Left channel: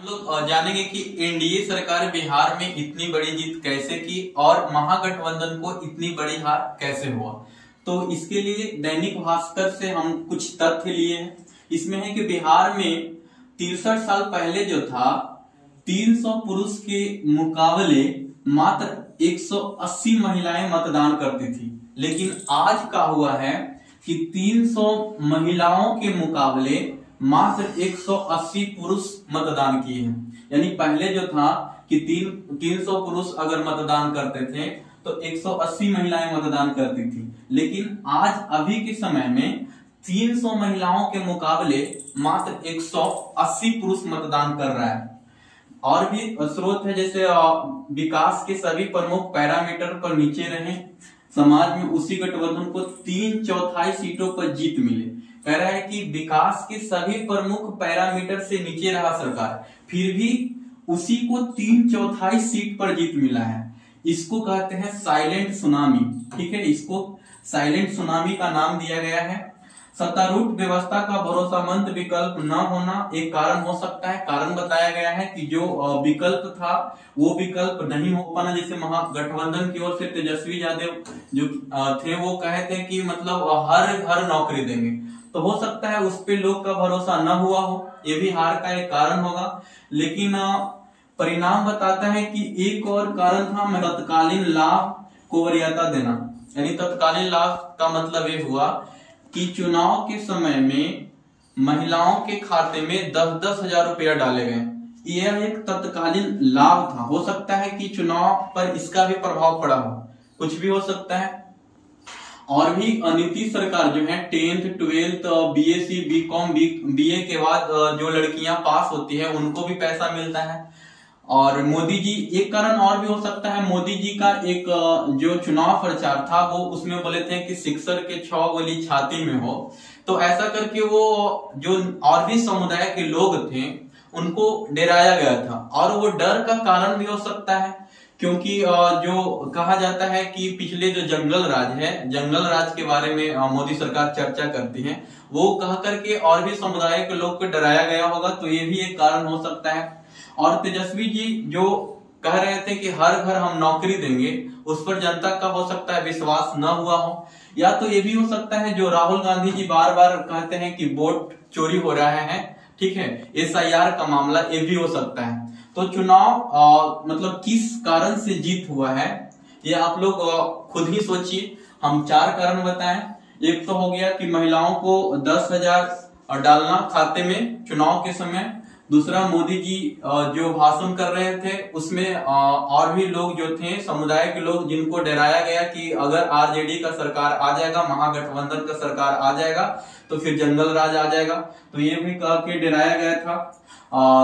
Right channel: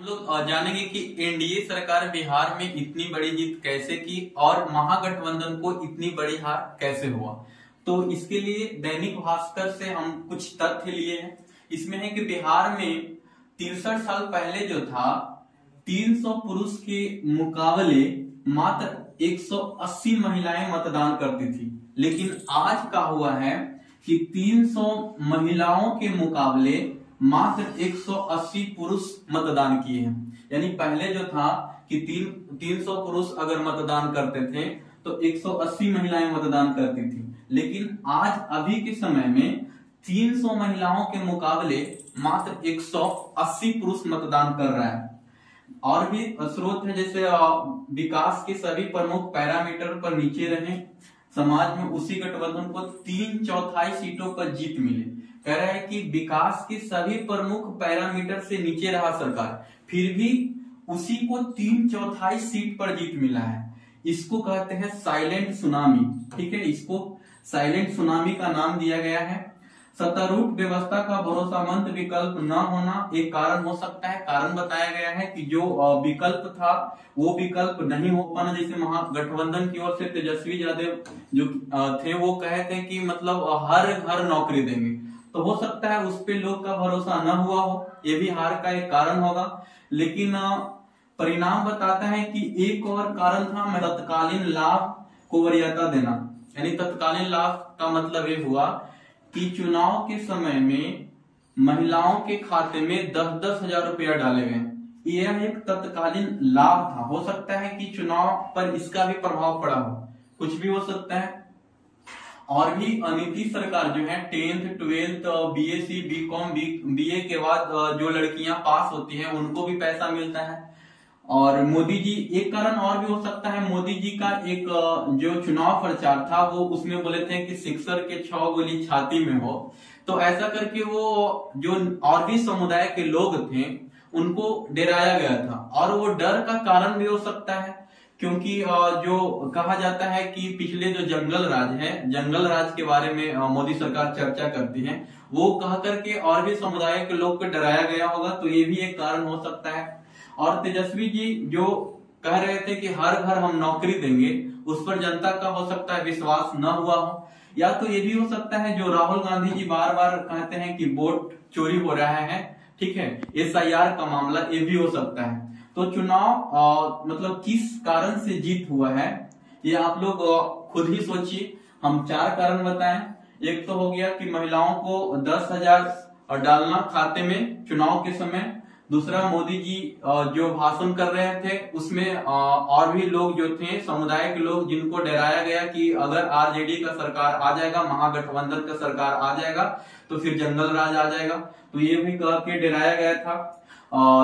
हम लोग जानेंगे कि एनडीए सरकार बिहार में इतनी बड़ी जीत कैसे की और महागठबंधन को इतनी बड़ी हार कैसे हुआ। तो इसके लिए दैनिक भास्कर से हम कुछ तथ्य लिए हैं। इसमें है कि बिहार में 63 साल पहले जो था 300 पुरुष के मुकाबले मात्र 180 महिलाएं मतदान करती थी, लेकिन आज का हुआ है कि 300 महिलाओं के मुकाबले मात्र 180 पुरुष मतदान किए हैं। यानी पहले जो था कि 300 पुरुष अगर मतदान करते थे तो 180 महिलाएं मतदान करती थी, लेकिन आज अभी के समय में 300 महिलाओं के मुकाबले मात्र 180 पुरुष मतदान कर रहा है। और भी स्रोत है, जैसे विकास के सभी प्रमुख पैरामीटर पर नीचे रहे समाज में उसी गठबंधन को 3/4 सीटों पर जीत मिले। कह रहा है कि विकास के सभी प्रमुख पैरामीटर से नीचे रहा सरकार, फिर भी उसी को 3/4 सीट पर जीत मिला है। इसको कहते हैं साइलेंट सुनामी। ठीक है, इसको साइलेंट सुनामी का नाम दिया गया है। सत्तारूढ़ व्यवस्था का भरोसामंद विकल्प न होना एक कारण हो सकता है। कारण बताया गया है कि जो विकल्प था वो विकल्प नहीं हो पाना। जैसे महागठबंधन की ओर से तेजस्वी यादव जो थे वो कहे थे कि मतलब हर घर नौकरी देंगे, तो हो सकता है उस पे लोग का भरोसा न हुआ हो, ये भी हार का एक कारण होगा। लेकिन परिणाम बताता है कि एक और कारण था तत्कालीन लाभ को वरीयता देना। यानी तत्कालीन लाभ का मतलब ये हुआ कि चुनाव के समय में महिलाओं के खाते में 10-10 हजार रुपया डाले गए। यह एक तत्कालीन लाभ था। हो सकता है कि चुनाव पर इसका भी प्रभाव पड़ा हो, कुछ भी हो सकता है। और भी नीतीश सरकार जो है 10th 12th BSc BCom BA के बाद जो लड़कियां पास होती है उनको भी पैसा मिलता है। और मोदी जी, एक कारण और भी हो सकता है, मोदी जी का एक जो चुनाव प्रचार था वो उसमें बोले थे कि सिक्सर के 6 गोली छाती में हो, तो ऐसा करके वो जो और भी समुदाय के लोग थे उनको डराया गया था। और वो डर का कारण भी हो सकता है क्योंकि जो कहा जाता है कि पिछले जो जंगल राज है, जंगल राज के बारे में मोदी सरकार चर्चा करती है, वो कह करके और भी समुदाय के लोग को डराया गया होगा, तो ये भी एक कारण हो सकता है। और तेजस्वी जी जो कह रहे थे कि हर घर हम नौकरी देंगे, उस पर जनता का हो सकता है विश्वास न हुआ हो। या तो ये भी हो सकता है जो राहुल गांधी जी बार बार कहते हैं कि वोट चोरी हो रहा है, ठीक है, एसआईआर का मामला, ये भी हो सकता है। तो चुनाव मतलब किस कारण से जीत हुआ है ये आप लोग खुद ही सोचिए। हम 4 कारण बताएं। एक तो हो गया कि महिलाओं को 10,000 डालना खाते में चुनाव के समय। दूसरा, मोदी जी जो भाषण कर रहे थे उसमें और भी लोग जो थे समुदाय के लोग जिनको डराया गया कि अगर आरजेडी का सरकार आ जाएगा, महागठबंधन का सरकार आ जाएगा तो फिर जंगल राज आ जाएगा, तो ये भी कह के डराया गया था।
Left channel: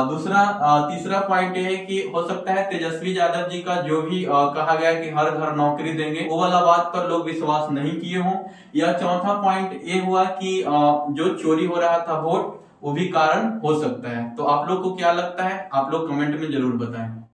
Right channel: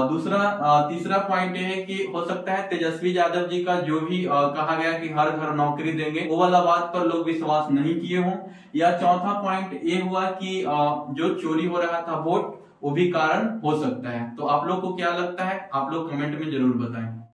तीसरा पॉइंट ये है कि हो सकता है तेजस्वी यादव जी का जो भी कहा गया कि हर घर नौकरी देंगे, वो वाला बात पर लोग विश्वास नहीं किए हों। या चौथा पॉइंट ये हुआ कि जो चोरी हो रहा था वोट, वो भी कारण हो सकता है। तो आप लोग को क्या लगता है, आप लोग कमेंट में जरूर बताएं।